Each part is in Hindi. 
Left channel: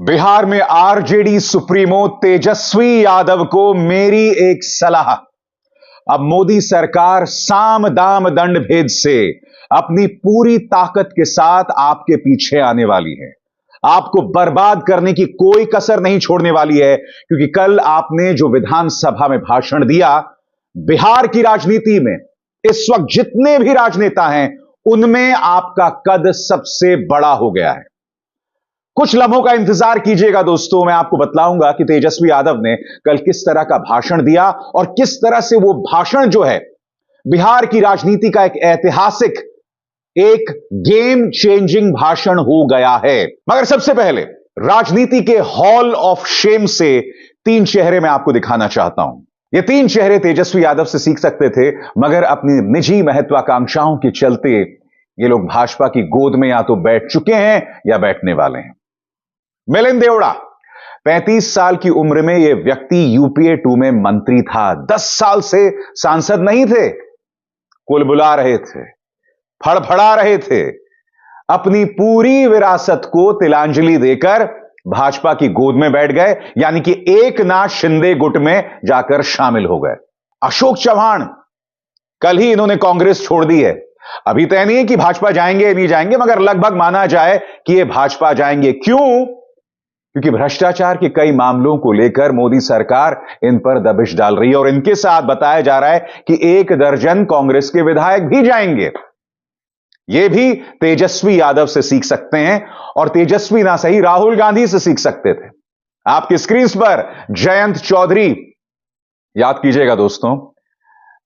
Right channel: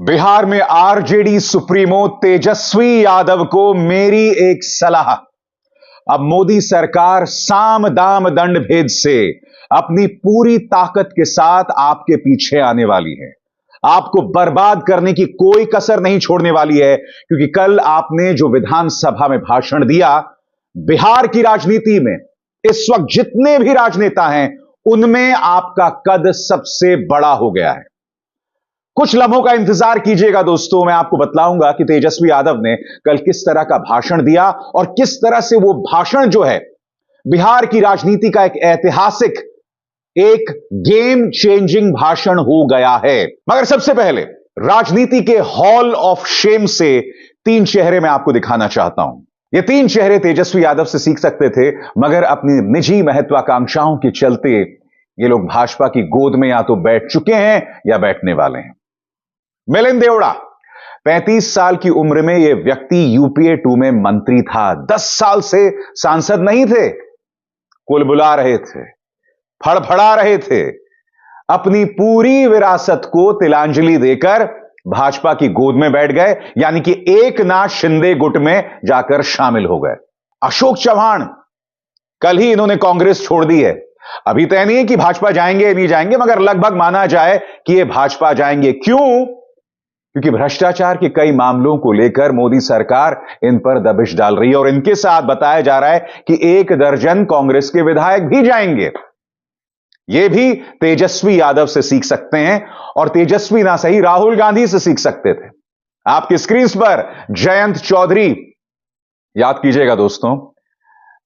बिहार में आरजेडी सुप्रीमो तेजस्वी यादव को मेरी एक सलाह। अब मोदी सरकार साम दाम दंड भेद से अपनी पूरी ताकत के साथ आपके पीछे आने वाली है। आपको बर्बाद करने की कोई कसर नहीं छोड़ने वाली है, क्योंकि कल आपने जो विधानसभा में भाषण दिया, बिहार की राजनीति में इस वक्त जितने भी राजनेता हैं उनमें आपका कद सबसे बड़ा हो गया है। कुछ लम्हों का इंतजार कीजिएगा दोस्तों, मैं आपको बतलाऊंगा कि तेजस्वी यादव ने कल किस तरह का भाषण दिया और किस तरह से वो भाषण जो है बिहार की राजनीति का एक ऐतिहासिक, एक गेम चेंजिंग भाषण हो गया है। मगर सबसे पहले राजनीति के हॉल ऑफ शेम से 3 चेहरे मैं आपको दिखाना चाहता हूं। ये 3 चेहरे तेजस्वी यादव से सीख सकते थे, मगर अपनी निजी महत्वाकांक्षाओं के चलते ये लोग भाजपा की गोद में या तो बैठ चुके हैं या बैठने वाले हैं। मिलिंद देवड़ा, 35 साल की उम्र में यह व्यक्ति यूपीए 2 में मंत्री था। 10 साल से सांसद नहीं थे, कुलबुला रहे थे, फड़फड़ा रहे थे। अपनी पूरी विरासत को तिलांजलि देकर भाजपा की गोद में बैठ गए, यानी कि एकनाथ शिंदे गुट में जाकर शामिल हो गए। अशोक चव्हाण, कल ही इन्होंने कांग्रेस छोड़ दी है। अभी तय नहीं है कि भाजपा जाएंगे या नहीं जाएंगे, मगर लगभग माना जाए कि ये भाजपा जाएंगे। क्यों? क्योंकि भ्रष्टाचार के कई मामलों को लेकर मोदी सरकार इन पर दबिश डाल रही है और इनके साथ बताया जा रहा है कि 1 दर्जन कांग्रेस के विधायक भी जाएंगे। ये भी तेजस्वी यादव से सीख सकते हैं, और तेजस्वी ना सही राहुल गांधी से सीख सकते थे। आपकी स्क्रीन पर जयंत चौधरी, याद कीजिएगा दोस्तों,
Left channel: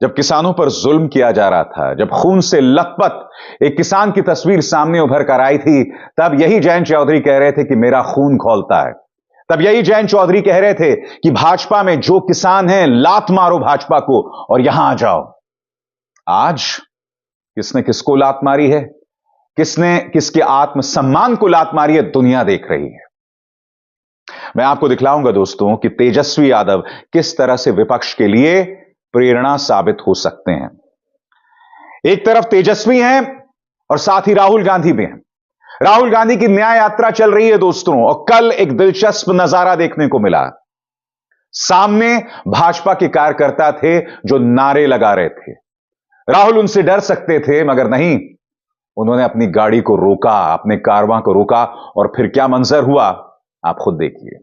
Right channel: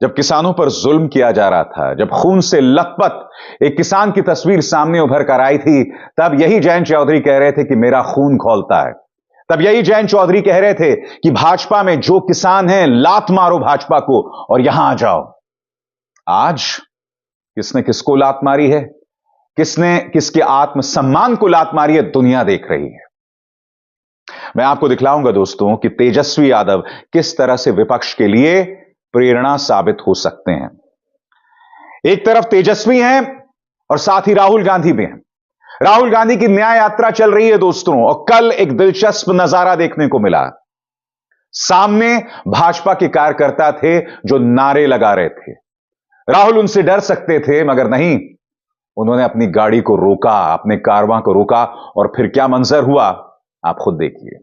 जब किसानों पर जुल्म किया जा रहा था, जब खून से लथपथ एक किसान की तस्वीर सामने उभर कर आई थी, तब यही जयंत चौधरी कह रहे थे कि मेरा खून खौलता है। तब यही जयंत चौधरी कह रहे थे कि भाजपा में जो किसान हैं, लात मारो भाजपा को और यहां आ जाओ। आज किसने किसको लात मारी है, किसने किसके आत्मसम्मान को लात मारी है, दुनिया देख रही है। मैं आपको दिखलाऊंगा दोस्तों कि तेजस्वी यादव किस तरह से विपक्ष के लिए प्रेरणा साबित हो सकते हैं। एक तरफ तेजस्वी हैं और साथ ही राहुल गांधी भी हैं। राहुल गांधी की न्याय यात्रा चल रही है दोस्तों, और कल एक दिलचस्प नजारा देखने को मिला। सामने भाजपा के कार्यकर्ता थे जो नारे लगा रहे थे। राहुल उनसे डर सकते थे, मगर नहीं, उन्होंने अपनी गाड़ी को रोका, अपने कारवां को रोका, और फिर क्या मंजर हुआ आप खुद देखिए।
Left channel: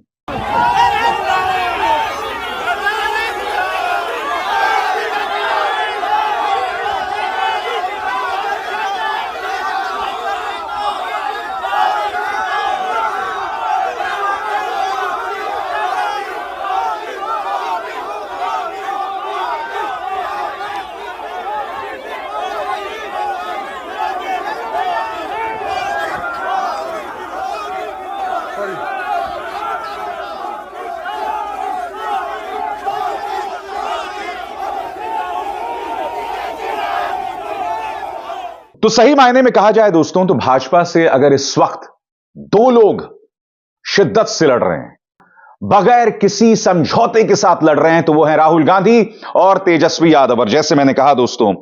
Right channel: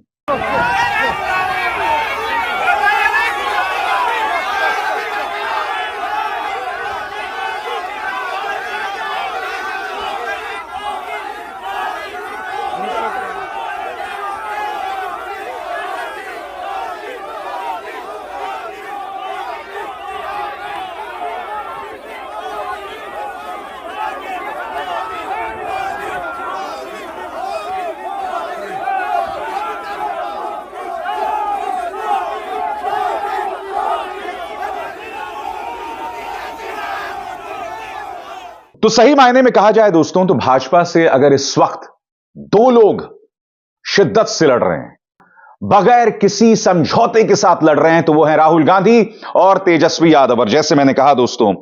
तो सही मायने में कहा जाए दोस्तों, तो भाजपा से अगर इस वक्त 2 लोग शिद्दत से लड़ रहे हैं, बगैर किसी समझौते के साथ लड़ रहे हैं, तो वो है राहुल गांधी और तेजस्वी यादव। और जैसे मैंने कहा दोस्तों,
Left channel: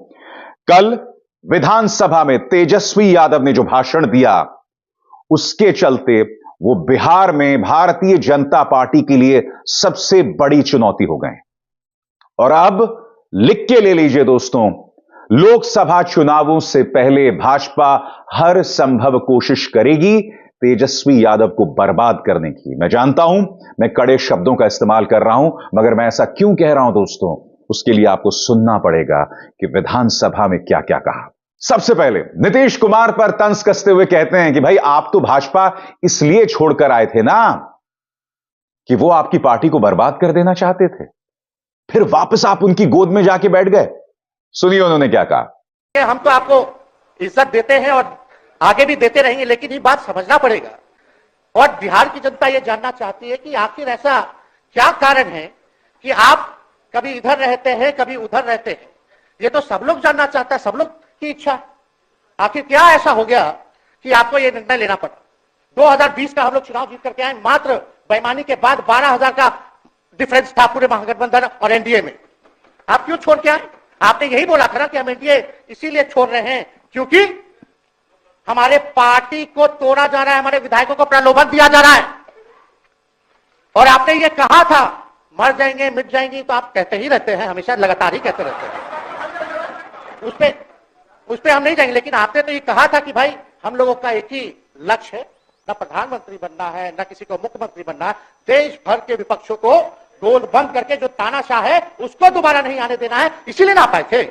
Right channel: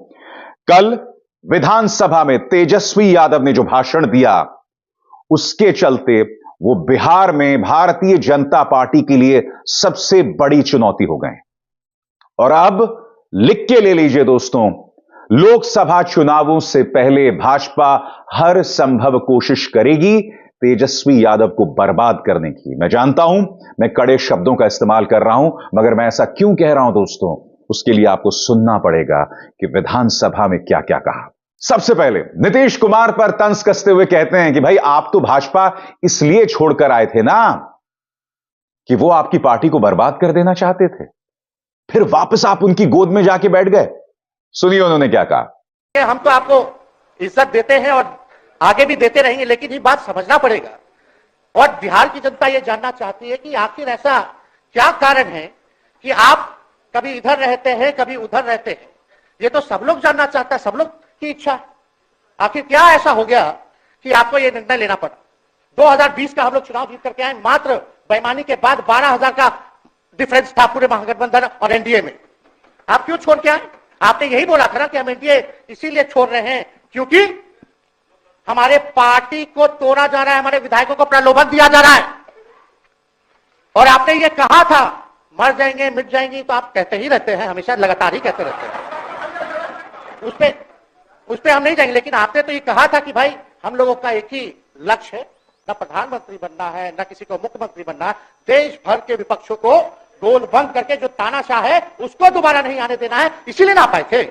कल विधानसभा में तेजस्वी यादव ने जो भाषण दिया, उसके चलते वो बिहार में भारतीय जनता पार्टी के लिए सबसे बड़ी चुनौती हो गए। और अब लिख के ले लीजिए दोस्तों, लोकसभा चुनावों से पहले भाजपा हर संभव कोशिश करेगी तेजस्वी यादव को बर्बाद करने की। मैं जानता हूं मैं कड़े शब्दों का इस्तेमाल कर रहा हूं, मगर मैं ऐसा क्यों कह रहा हूं दोस्तों, उसके लिए आपको सुनना पड़ेगा कि विधानसभा में क्या क्या कहा। सबसे पहले नीतीश कुमार पर तंज कसते हुए कहते हैं कि भाई, आप तो भाजपा इसलिए छोड़कर आए थे ना कि वो आपकी पार्टी को बर्बाद कर देना चाहते थे, फिर वापस आप उनकी गोद में जाके बैठ गए। सुनिए उन्होंने क्या कहा। हम तो आपको इज्जत देते हैं और आगे भी देते रहेंगे, लेकिन ये बात समझना पड़ेगा, और बिहार की जनता ये जानना चाहती है कि आखिर ऐसा क्या कारण है कि आप कभी इधर रहते हैं, कभी उधर रहते हैं। ये तो सब लोग जानना चाहता है, सब लोग की इच्छा। आखिर क्या ऐसा हो गया कि आपको ये निर्णय लेना पड़ा। 2020 का हम लोग चुनाव जीत करके आए, मात्र बेईमानी के बाद 12,000 का डिफरेंस था पूरे महागठबंधन और एनडीए में। आप क्यों छोड़ के आए? आपने यही बोला था ना कि हम एनडीए इसीलिए छोड़ रहे हैं क्योंकि हमारे पार्टी को तोड़ा जा रहा है, हमारे विधायकों को प्रलोभन दिया जा रहा है। और आपने ये कहा था मर जाएंगे मिट जाएंगी, तो आप कहते ही रहते हैं, हमेशा लगातार ही कहते रहते हैं, उस पे हम नहीं जाएंगे। लेकिन आपने तो ये कहा था कि भाई हम लोगों का एक ही लक्ष्य है, न प्रधानमंत्री बनना है न किसी को मुख्यमंत्री बनना, देश भर के विपक्षों को टोल भंग करके जो तानाशाह है उसको दोबारा नहीं आने देना है, इसीलिए ना पाए थे।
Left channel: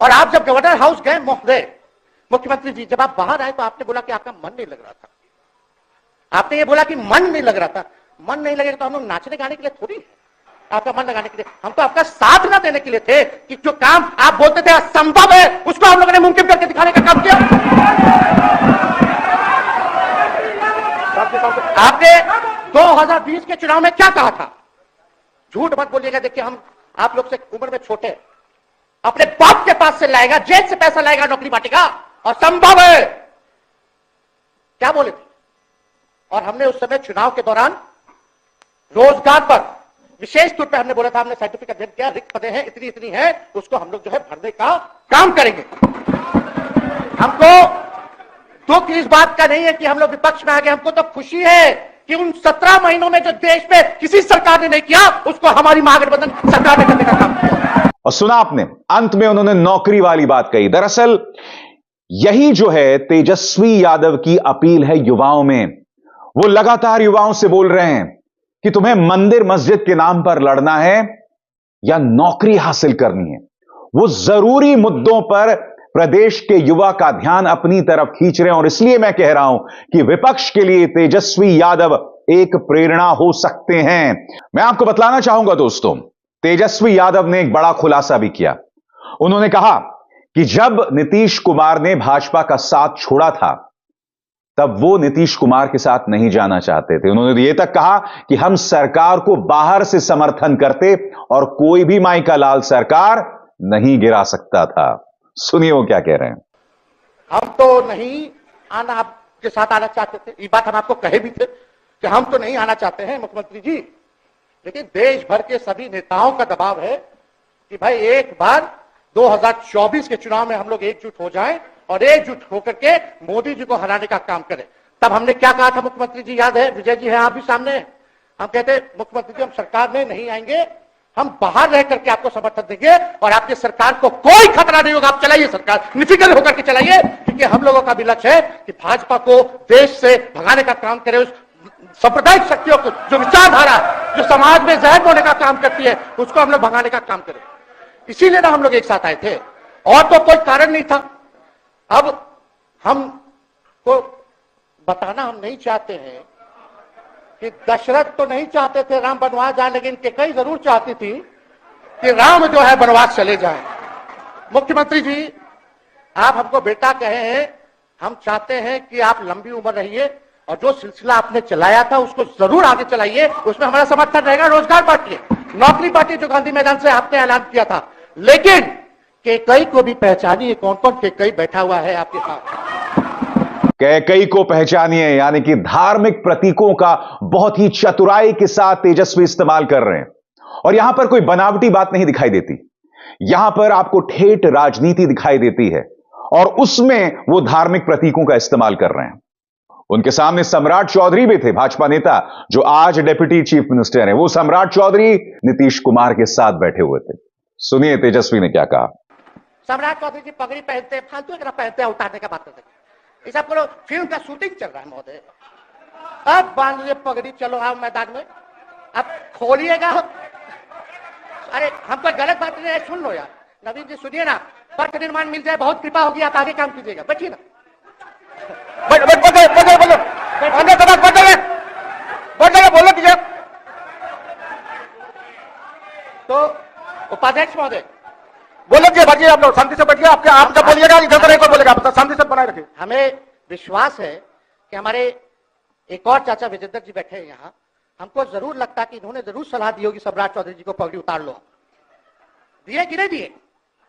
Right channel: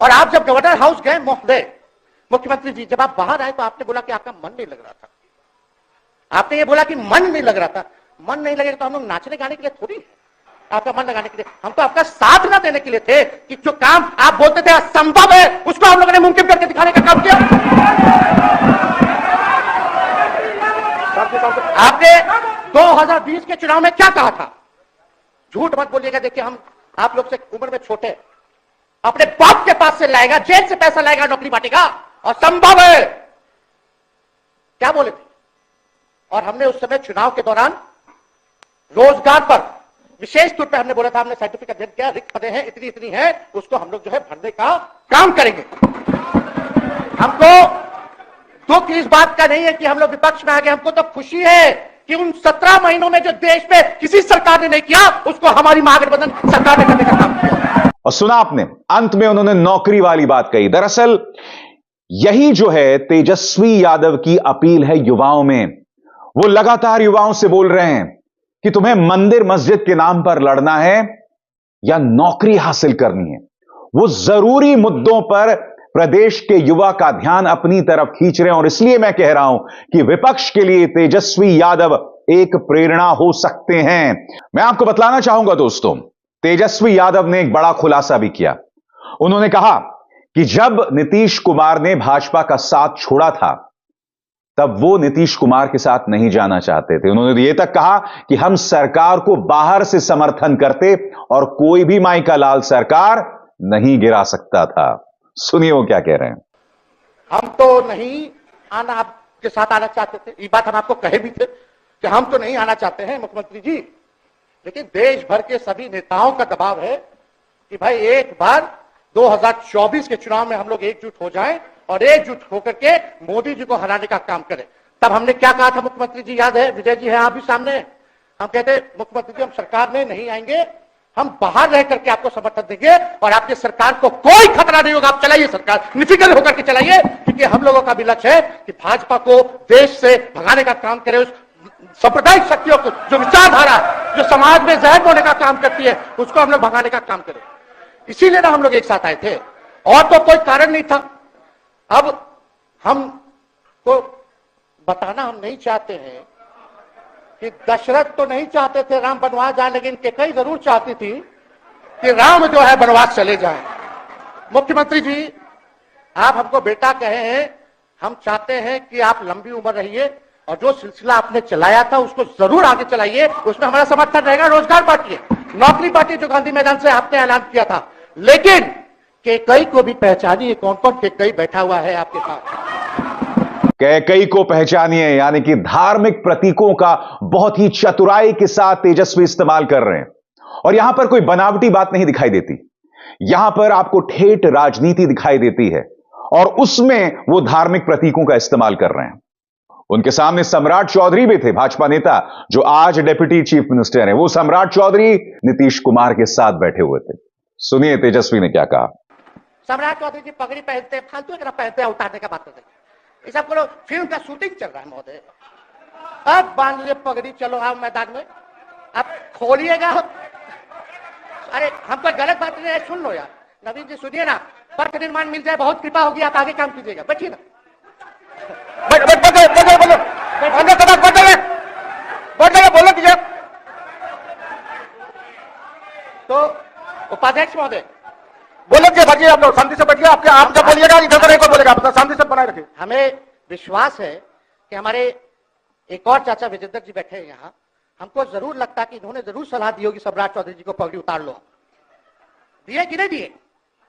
और आप जब गवर्नर हाउस गए मुख्यमंत्री जी, जब आप बाहर आए तो आपने बोला कि आपका मन नहीं लग रहा था। आपने ये बोला कि मन नहीं लग रहा था। मन नहीं लगेगा तो हम लोग नाचने गाने के लिए थोड़ी, आपका मन लगाने के लिए, हम तो आपका साथ ना देने के लिए थे कि जो काम आप बोलते थे असंभव है उसको हम लोगों ने मुमकिन करके दिखाने का काम किया। आपने 2020 के चुनाव में क्या कहा था? झूठ मत बोलिएगा। देखिए हम आप लोग से उम्र में छोटे हैं, अपने बाप के पास से लाएगा, जेल से पैसा लाएगा, नौकरी बांटेगा और संभव है, क्या बोले? और हमने उस समय चुनाव के दौरान रोजगार पर विशेष तौर पे हमने बोला था, हमने साइंटिफिक अध्ययन किया, रिक्त पदे हैं इतनी है, उसको हम लोग जो है भरने का काम करेंगे। हमको दुख इस बात का नहीं है कि हम लोग विपक्ष में आ गए, हमको तो खुशी है कि उन 17 महीनों में जो देश में किसी सरकार ने नहीं किया उसको हमारी महागठबंधन सरकार ने करने का काम किया। और सुना आपने, अंत में उन्होंने नौकरी वाली बात कही। दरअसल यही जो है तेजस्वी यादव की अपील है युवाओं में। वो लगातार युवाओं से बोल रहे हैं कि तुम्हें मंदिर मस्जिद के नाम पर लड़ना है या नौकरी हासिल करनी है। वो जरूरी मुद्दों पर प्रदेश के युवा का ध्यान अपनी तरफ खींच रहे हैं और इसलिए मैं कह रहा हूं कि विपक्ष के लिए तेजस्वी यादव एक प्रेरणा हो सकते हैं। मैं आपको बतलाना चाहूंगा दोस्तों, तेजस्वी यादव ने एक बड़ा खुलासा भी किया। उन्होंने कहा कि जब नीतीश कुमार ने भाजपा का साथ छोड़ा था तब वो नीतीश कुमार के साथ नहीं जाना चाहते थे। उन्होंने ये तक कहा कि हम सरकार को बाहर से समर्थन करते और कोई भी माई का लाल सरकार नहीं गिरा सकता था। सुनिए वो क्या कह रहे हैं। हम तो नहीं आना आपके साथ आना चाहते थे, ये बात हम आपको कहे भी थे कि हम तो नहीं आना चाहते हैं मुख्यमंत्री जी, लेकिन देश भर के सभी नेताओं का दबाव है कि भाई एक बार 2024 के चुनाव में हम लोग एकजुट हो जाएं और एकजुट होकर के मोदी जी को हराने का काम करें। तब हमने क्या कहा था मुख्यमंत्री जी, याद है? विजय जी है आप भी सामने। हम कहते मुख्यमंत्री जी हम सरकार में नहीं आएंगे, हम बाहर रह करके आपको समर्थन देंगे और आपकी सरकार को कोई खतरा नहीं होगा, आप चलाइए सरकार, निफिक्र होकर के चलाइए, क्योंकि हम लोगों का भी लक्ष्य है कि भाजपा को देश से भगाने का काम करें। सांप्रदायिक शक्तियों की जो विचारधारा जो समाज में जहर बोने का काम करती है उसको हम लोग भगाने का काम करें। इसीलिए ना हम लोग एक साथ आए थे, और तो कोई कारण नहीं था। अब हम को बताना हम नहीं चाहते हैं कि दशरथ तो नहीं चाहते थे राम वनवास जाए, लेकिन कैकेयी जरूर चाहती थी कि राम जो है वनवास चले जाए। मुख्यमंत्री जी आप हमको बेटा कहे हैं, हम चाहते हैं कि आप लंबी उम्र रहिए और जो सिलसिला आपने चलाया था उसको जरूर आगे चलाइए, उसमें हमारा समर्थन रहेगा। रोजगार बांटिए, नौकरी बांटिए, जो गांधी मैदान से आपने ऐलान किया था, लेकिन कैकेयी को भी पहचानिए, कौन कौन कैकेयी बैठा हुआ है आपके साथ। कैकेयी को पहचानिए, यानी कि धार्मिक प्रतीकों का बहुत ही चतुराई के साथ तेजस्वी इस्तेमाल कर रहे हैं। और यहां पर कोई बनावटी बात नहीं दिखाई देती, यहां पर आपको ठेठ राजनीति दिखाई देती है और उसमें वो धार्मिक प्रतीकों का इस्तेमाल कर रहे हैं। उनके सामने सम्राट चौधरी भी थे, भाजपा नेता जो आज डिप्टी चीफ मिनिस्टर हैं। वो सम्राट चौधरी नीतीश कुमार के साथ बैठे हुए थे। सुनिए तेजस्वी ने क्या कहा। सम्राट चौधरी की पगड़ी पहनते, फालतू की तरह पहनते, उतारने का बात करते, ये सब करो, फिल्म का शूटिंग चल रहा है महोदय, आप बांध लीजिए पगड़ी, चलो हम मैदान में, आप खोलिएगा। अरे हमको गलत बात नहीं है, सुन लो यार, नवीन जी सुनिए ना, पद निर्माण मिल जाए, बहुत कृपा होगी, आप आगे काम कीजिएगा, बैठिए ना। बोलो दीजिए। तो उपाध्यक्ष महोदय बोलो कि बाकी आप शांति से बैठिए, आप जब बोलिएगा इधर नहीं बोलेगा, शांति से बनाए रखें। हमें विश्वास है कि हमारे एक और चाचा विजेंद्र जी बैठे हैं यहाँ, हमको जरूर लगता है कि इन्होंने जरूर सलाह दी होगी सम्राट चौधरी जी को पगड़ी उतार लो। दिए कि नहीं दिए?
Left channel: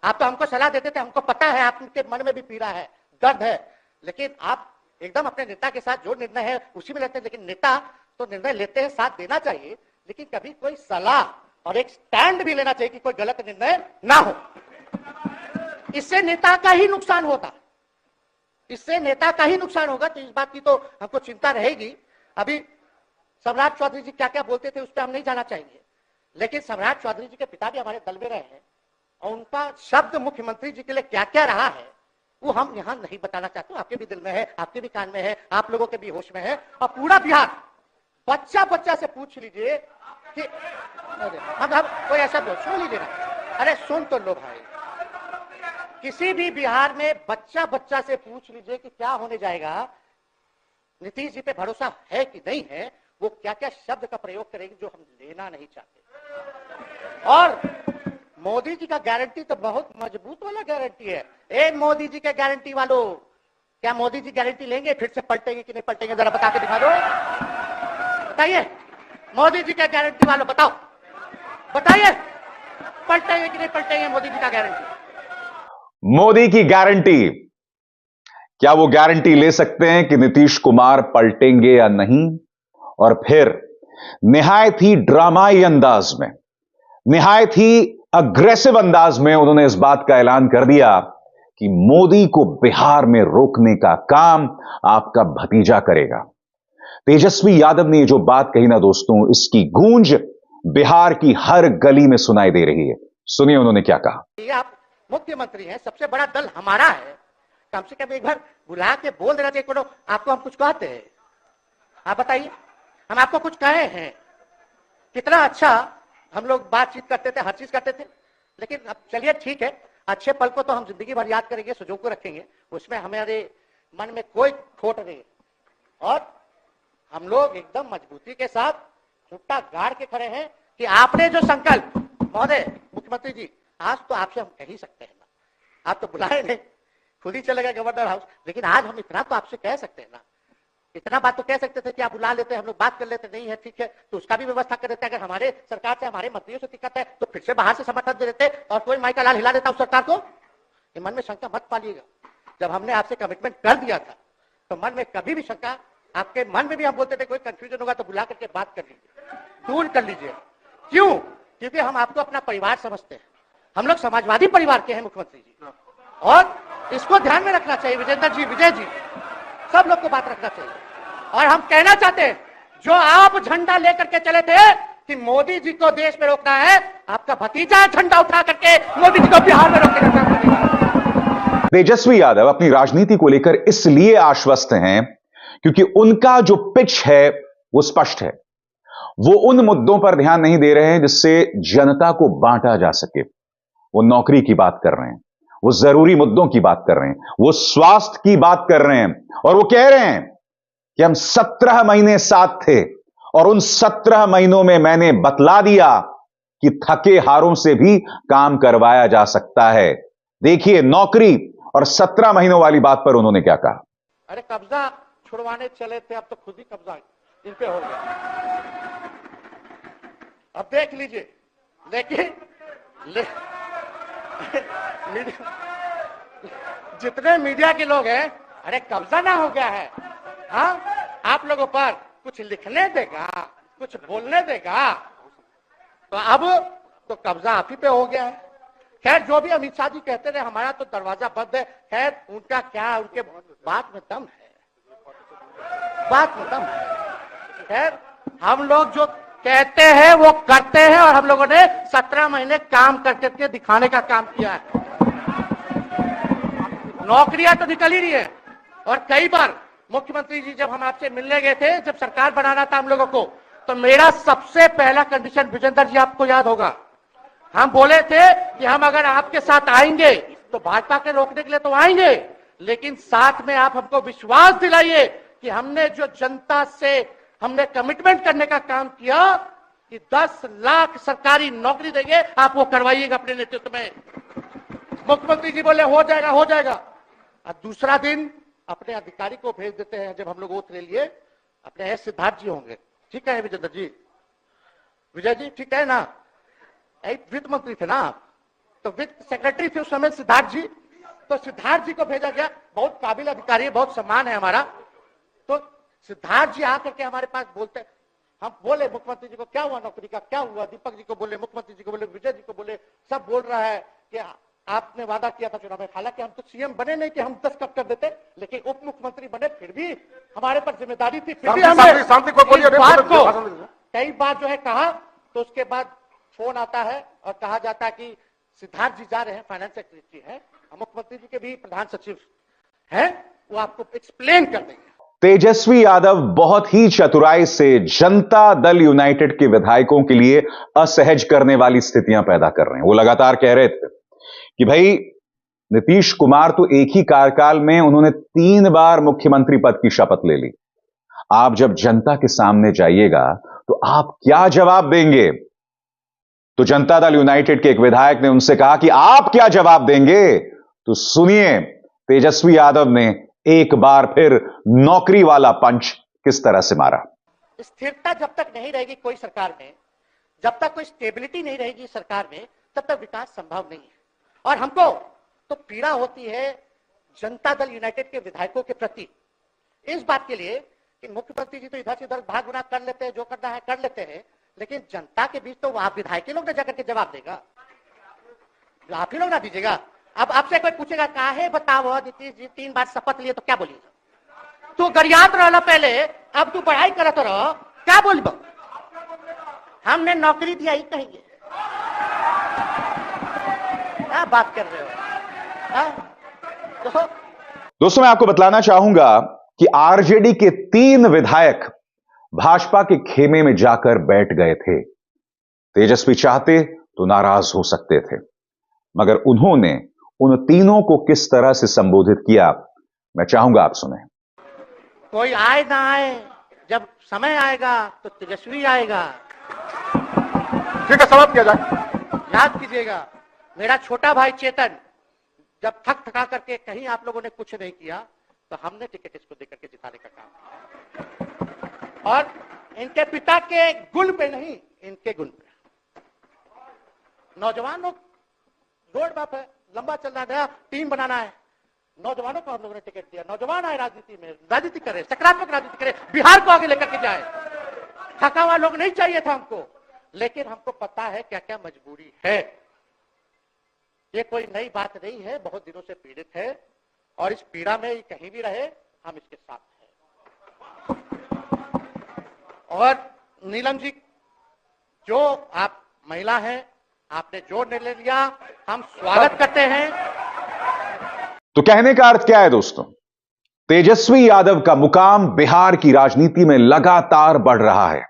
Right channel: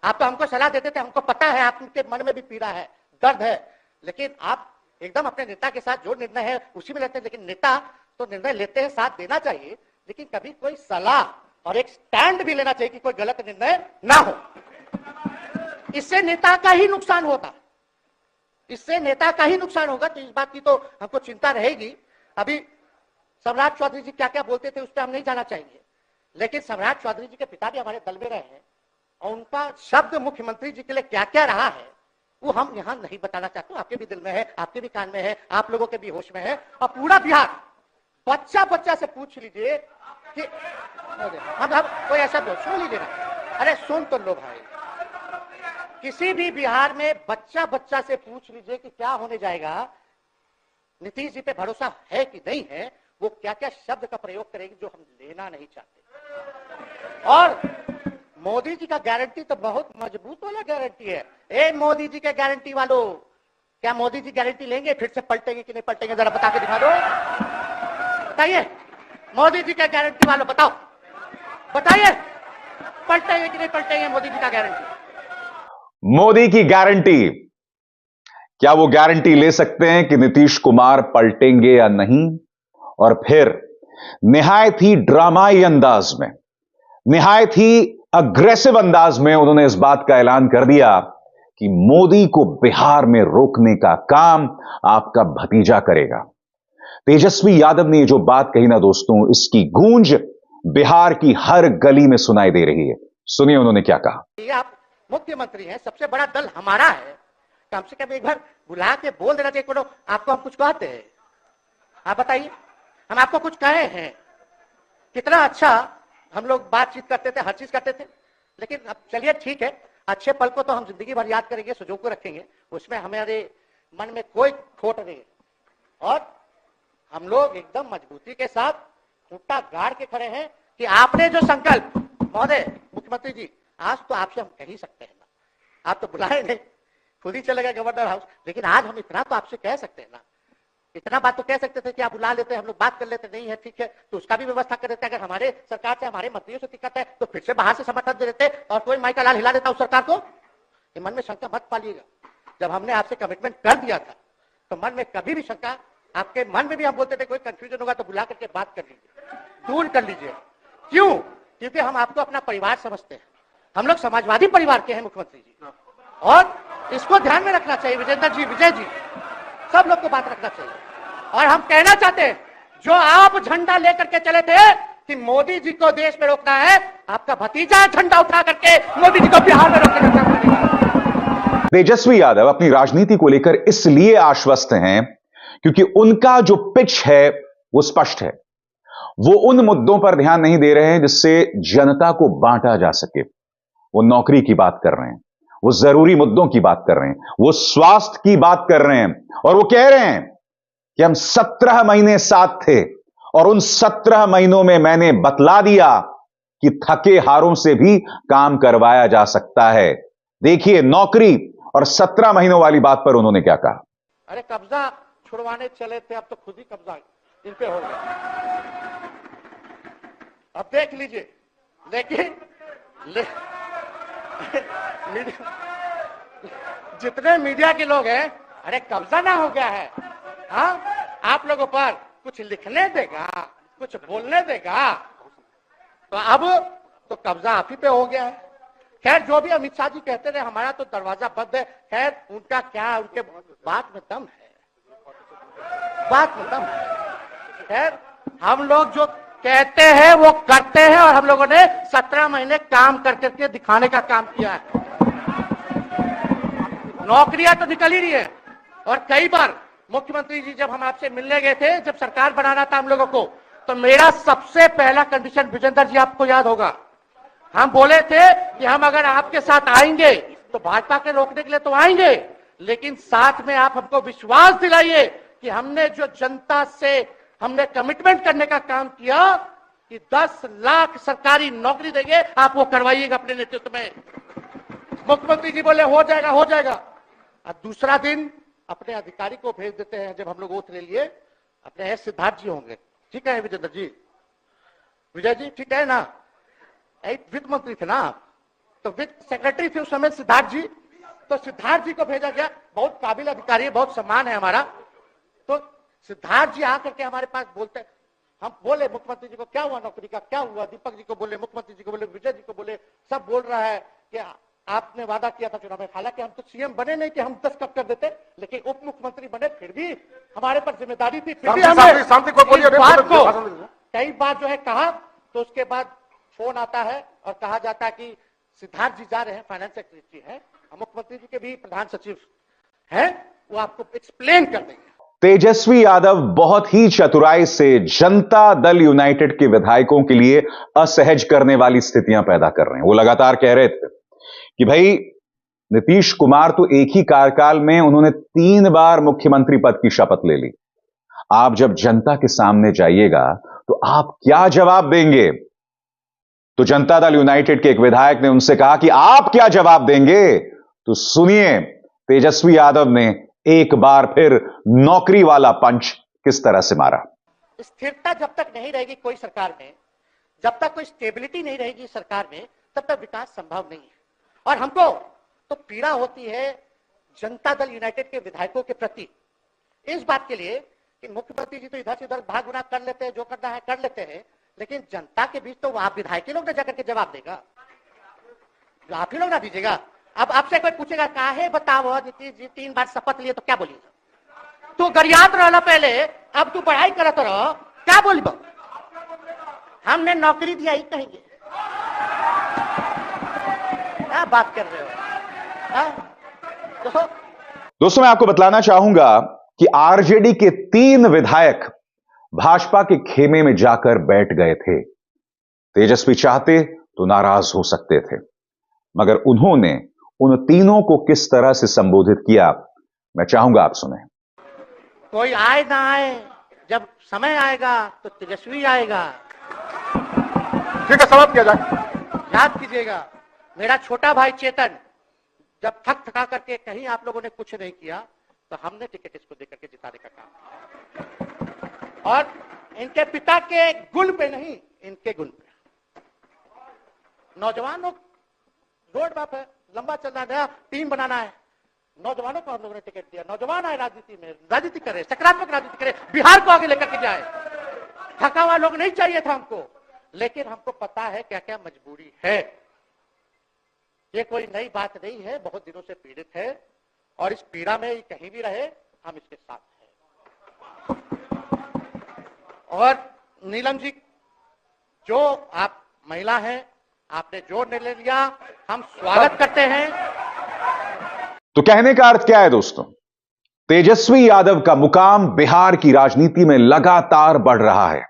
आप तो हमको सलाह देते थे, हमको पता है आपके मन में भी पीड़ा है, दर्द है, लेकिन आप एकदम अपने नेता के साथ जो निर्णय है उसी में लेते हैं। लेकिन नेता तो निर्णय लेते हैं, साथ देना चाहिए, लेकिन कभी कोई सलाह और एक स्टैंड भी लेना चाहिए कि कोई गलत निर्णय ना हो। इससे नेता का ही नुकसान होता है, इससे नेता का ही नुकसान होगा। तो इस बात की तो हमको चिंता रहेगी। अभी सम्राट चौधरी जी क्या क्या बोलते थे उस पर हम नहीं जाना चाहेंगे, लेकिन सम्राट चौधरी जी के पिता भी हमारे दल में रहे हैं और उनका शब्द मुख्यमंत्री जी के लिए क्या क्या रहा है वो हम यहाँ नहीं बताना चाहते। आपके भी दिल में है, आपके भी कान में है, आप लोगों के भी होश में है, और पूरा बिहार बच्चा बच्चा से पूछ लीजिए कि अब कोई ऐसा सुन नहीं दे रहा, अरे सुन तो लोग है, किसी भी बिहार में बच्चा बच्चा से पूछ लीजिए कि क्या होने जाएगा, नीतीश जी पे भरोसा है कि नहीं है, वो क्या क्या शब्द का प्रयोग करेंगे जो हम लेना नहीं चाहते। और मोदी जी का गारंटी तो बहुत मजबूत वाला गारंटी है। मोदी जी का गारंटी वालों, क्या मोदी जी गारंटी लेंगे फिर से पलटेंगे कि नहीं पलटेंगे, जरा बता के दिखा दो, बताइए मोदी जी का गारंटी वालों, बताओ बताइए पलटेंगे कि नहीं पलटेंगे मोदी जी का गारंटी। मोदी की गारंटी, क्या वो गारंटी ले सकते हैं कि नीतीश कुमार पलटेंगे या नहीं? और फिर निहायत ही ड्रामाई अंदाज में, निहायत ही अग्रेसिव अंदाज में उन्होंने इस बात का ऐलान कर दिया कि मोदी को बिहार में रोकने का काम आपका भतीजा करेगा। तेजस्वी यादव ने जो बात कही ना दोस्तों, इसकी गूंज बिहार की हर गली में सुनाई दे रही है। सुनिए उन्होंने क्या कहा। आप मुख्यमंत्री हैं, सबसे बड़ा दल हमारा है, कम से कम एक बार बुला के बोल देना चाहिए। आपको हम कुछ कहते हैं, आप बताइए, हम आपको कुछ कहे हैं? कितना अच्छा हम लोग बातचीत करते थे, हर चीज करते थे, लेकिन अब चलिए ठीक है, अच्छे पल को तो हम जिंदगी भर याद करेंगे, सुजो को रखेंगे, उसमें हमारे मन में कोई खोट नहीं। और हम लोग एकदम मजबूती के साथ झुट्टा गाड़ के खड़े हैं कि आपने जो संकल्प, महोदय मुख्यमंत्री जी, आज तो आपसे हम कह ही सकते हैं ना, आप तो बुलाए नहीं, खुद ही चले गए गवर्नर हाउस, लेकिन आज हम इतना तो आपसे कह सकते हैं ना, इतना बात तो कह सकते थे कि आप बुला लेते, हम लोग बात कर लेते, नहीं है ठीक है तो उसका भी व्यवस्था कर देते। अगर हमारे सरकार से, हमारे मंत्रियों से दिक्कत है तो फिर से बाहर से समर्थन दे देते और कोई माई का लाल हिला देता उस सरकार को। मन में शंका मत पालिएगा, जब हमने आपसे कमिटमेंट कर दिया था तो मन में कभी भी शंका, आपके मन में भी हम बोलते थे कोई कंफ्यूजन होगा तो बुला करके बात कर लीजिए, दूर कर लीजिए। क्यों? क्योंकि हम आपको अपना परिवार समझते हैं, हम लोग समाजवादी परिवार के हैं मुख्यमंत्री जी, और इसको ध्यान में रखना चाहिए। विजेंद्र जी, विजय जी, सब लोग की बात रखना चाहिए। और हम कहना चाहते हैं, जो आप झंडा लेकर के चले थे कि मोदी जी को देश में रोकना है, आपका भतीजा झंडा उठा करके मोदी जी को बिहार में रोकेगा। तेजस्वी यादव अपनी राजनीति को लेकर इसलिए आश्वस्त हैं क्योंकि उनका जो पिच है वो स्पष्ट है। वो उन मुद्दों पर ध्यान नहीं दे रहे हैं जिससे जनता को बांटा जा सके। वो नौकरी की बात कर रहे हैं, वो जरूरी मुद्दों की बात कर रहे हैं, वो स्वास्थ्य की बात कर रहे हैं, और वो कह रहे हैं कि हम 17 महीने साथ थे और उन 17 महीनों में मैंने बतला दिया कि थके हारों से भी काम करवाया जा सकता है। देखिए नौकरी और 17 महीनों वाली बात पर उन्होंने क्या कहा। अरे कब्जा छुड़वाने चले थे, अब तो खुद ही कब्जा इन पे हो गया, अब देख लीजिए। लेकिन जितने मीडिया के लोग हैं, अरे कब्जा ना हो गया है, हाँ आप लोगों पर कुछ लिखने देगा, कुछ बोलने देगा, तो अब तो कब्जा आप ही पे हो गया है। खैर जो भी अमित शाह जी कहते थे हमारा तो दरवाजा बंद है, खैर उनका क्या, उनके बात में दम है, बात में दम है। खैर हम लोग जो कहते हैं वो करते हैं, और हम लोगों ने 17 महीने काम करके दिखाने का काम किया है। नौकरियां तो निकल ही रही है, और कई बार मुख्यमंत्री जी जब हम आपसे मिलने गए थे, जब सरकार बनाना था हम लोगों को, तो मेरा सबसे पहला कंडीशन, विजेंद्र जी आपको याद होगा, हम बोले थे कि हम अगर आपके साथ आएंगे तो भाजपा के रोकने के लिए तो आएंगे, लेकिन साथ में आप हमको विश्वास दिलाइए कि हमने जो जनता से हमने कमिटमेंट करने का काम किया कि 10 लाख सरकारी नौकरी देंगे, आप वो करवाइएगा अपने नेतृत्व में। मुख्यमंत्री जी बोले हो जाएगा, हो जाएगा। और दूसरा दिन अपने अधिकारी को भेज देते हैं, जब हम लोग ओथ ले लिए, अपने सिद्धार्थ जी होंगे, ठीक है विजय जी, विजय जी ठीक है ना, वित्त मंत्री थे ना, तो वित्त सेक्रेटरी थे उस समय सिद्धार्थ जी, तो सिद्धार्थ जी को भेजा गया, बहुत काबिल अधिकारी है, बहुत सम्मान है हमारा। तो सिद्धार्थ जी आकर के हमारे पास बोलते, हम बोले मुख्यमंत्री जी को क्या हुआ, नौकरी का क्या हुआ, दीपक जी को बोले, मुख्यमंत्री जी को बोले, विजय जी को बोले, सब बोल रहा है कि आपने वादा किया था चुनाव में, हालांकि हम तो सीएम बने नहीं थे, हम 10 कब कर देते, लेकिन उप मुख्यमंत्री बने, फिर भी हमारे पर जिम्मेदारी थी, फिर भी हमने इस बात को कई बार जो है कहा। तो उसके बाद फोन आता है और कहा जाता है कि सिद्धार्थ जी जा रहे हैं, फाइनेंस सेक्रेटरी हैं, मुख्यमंत्री जी के भी प्रधान सचिव हैं, वो आपको एक्सप्लेन कर देंगे। तेजस्वी यादव बहुत ही चतुराई से जनता दल यूनाइटेड के विधायकों के लिए असहज करने वाली स्थितियां पैदा कर रहे हैं। वो लगातार कह रहे थे कि भाई नीतीश कुमार तो एक ही कार्यकाल में उन्होंने 3 बार मुख्यमंत्री पद की शपथ ले ली। आप जब जनता के सामने जाइएगा तो आप क्या जवाब देंगे? तो जनता दल यूनाइटेड के एक विधायक ने उनसे कहा कि आप क्या जवाब देंगे? तो सुनिए तेजस्वी यादव ने एक बार फिर नौकरी वाला पंच किस तरह से मारा। स्थिरता जब तक नहीं रहेगी कोई सरकार में, जब तक कोई स्टेबिलिटी नहीं रहेगी सरकार में, तब तक विकास संभव नहीं है। और हमको तो पीड़ा होती है जनता दल यूनाइटेड के विधायकों के प्रति इस बात के लिए कि मुख्यमंत्री जी तो इधर से उधर भाग भाग कर लेते हैं, जो करना है कर लेते हैं, लेकिन जनता के बीच तो आप विधायक ही लोग जाकर के जवाब देगा, आप ही लोग ना दीजिएगा। अब आपसे कोई पूछेगा कहा है बताओ नीतीश जी 3 बार शपथ लिए, तो क्या बोलिएगा? तू गरियात रहो पहले, अब तू पढ़ाई करत रहो, क्या बोल? हमने नौकरी दिया ही कहीं, क्या बात कर रहे हो? तो दोस्तों मैं आपको बतलाना चाहूंगा कि आरजेडी के 3 विधायक भाजपा के खेमे में जाकर बैठ गए थे। तेजस्वी चाहते तो नाराज हो सकते थे, मगर उन्होंने उन तीनों को किस तरह से संबोधित किया मैं चाहूंगा आप सुने। कोई आए ना आए, जब समय आएगा तो तेजस्वी आएगा। ठीक है, समाप्त किया जाए। याद कीजिएगा मेरा छोटा भाई चेतन जब थक थका करके कहीं आप लोगों ने कुछ नहीं किया तो हमने टिकट इसको देकर के जिताने का काम, और इनके पिता के गुण पे नहीं, इनके गुण पे। नौजवान लोग रोड मैप है, लंबा चलना है, टीम बनाना है, नौजवानों को हम लोगों ने टिकट दिया। नौजवान आए राजनीति में, राजनीति करे, सकारात्मक राजनीति करे, बिहार को आगे लेकर के जाए। थका हुआ लोग नहीं चाहिए था हमको, लेकिन हमको पता है क्या क्या मजबूरी है। ये कोई नई बात नहीं है, बहुत दिनों से पीड़ित है, और इस पीड़ा में कहीं भी रहे हम इसके साथ हैं। और नीलम जी, जो आप महिला हैं, आपने जो निर्णय लिया हम स्वागत करते हैं। तो कहने का अर्थ क्या है दोस्तों? तेजस्वी यादव का मुकाम बिहार की राजनीति में लगातार बढ़ रहा है,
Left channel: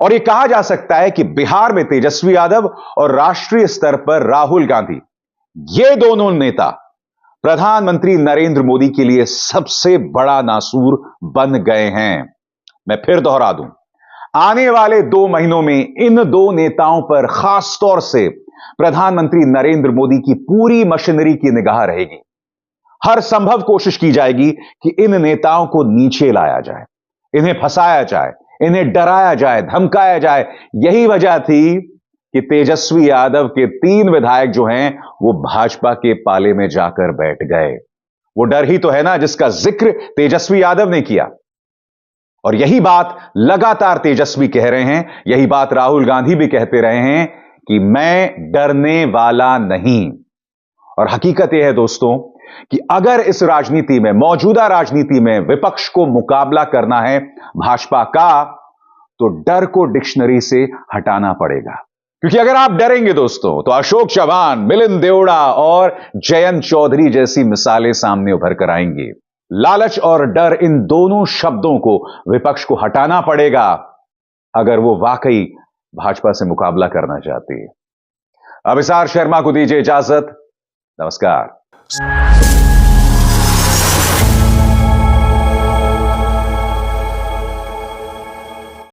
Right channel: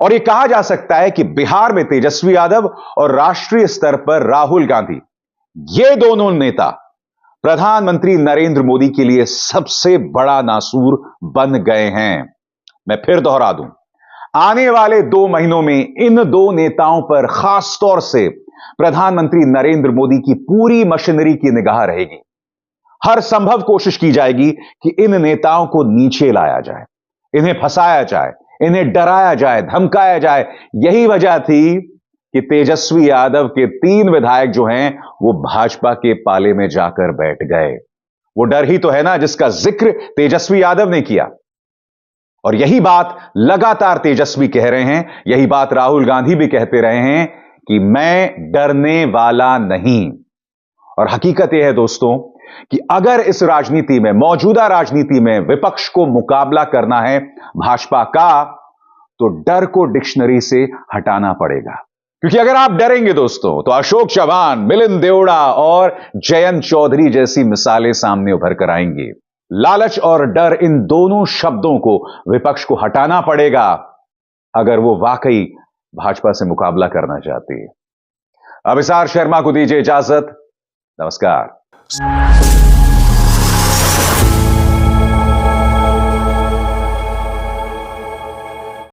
और यह कहा जा सकता है कि बिहार में तेजस्वी यादव और राष्ट्रीय स्तर पर राहुल गांधी, ये दोनों नेता प्रधानमंत्री नरेंद्र मोदी के लिए सबसे बड़ा नासूर बन गए हैं। मैं फिर दोहरा दूं, आने वाले 2 महीनों में इन 2 नेताओं पर खास तौर से प्रधानमंत्री नरेंद्र मोदी की पूरी मशीनरी की निगाह रहेगी। हर संभव कोशिश की जाएगी कि इन नेताओं को नीचे लाया जाए, इन्हें फंसाया जाए, इन्हें डराया जाए, धमकाया जाए। यही वजह थी कि तेजस्वी यादव के 3 विधायक जो हैं वो भाजपा के पाले में जाकर बैठ गए। वो डर ही तो है ना जिसका जिक्र तेजस्वी यादव ने किया, और यही बात लगातार तेजस्वी कह रहे हैं, यही बात राहुल गांधी भी कहते रहे हैं कि मैं डरने वाला नहीं। और हकीकत यह है दोस्तों कि अगर इस राजनीति में, मौजूदा राजनीति में विपक्ष को मुकाबला करना है भाजपा का, तो डर को डिक्शनरी से हटाना पड़ेगा। क्योंकि अगर आप डरेंगे दोस्तों तो अशोक चव्हाण, मिलिंद देवड़ा और जयंत चौधरी जैसी मिसालें सामने उभर कर आएंगी। लालच और डर, इन दोनों शब्दों को विपक्ष को हटाना पड़ेगा अगर वो वाकई भाजपा से मुकाबला करना चाहती है। अभिसार शर्मा को दीजिए इजाजत। नमस्कार।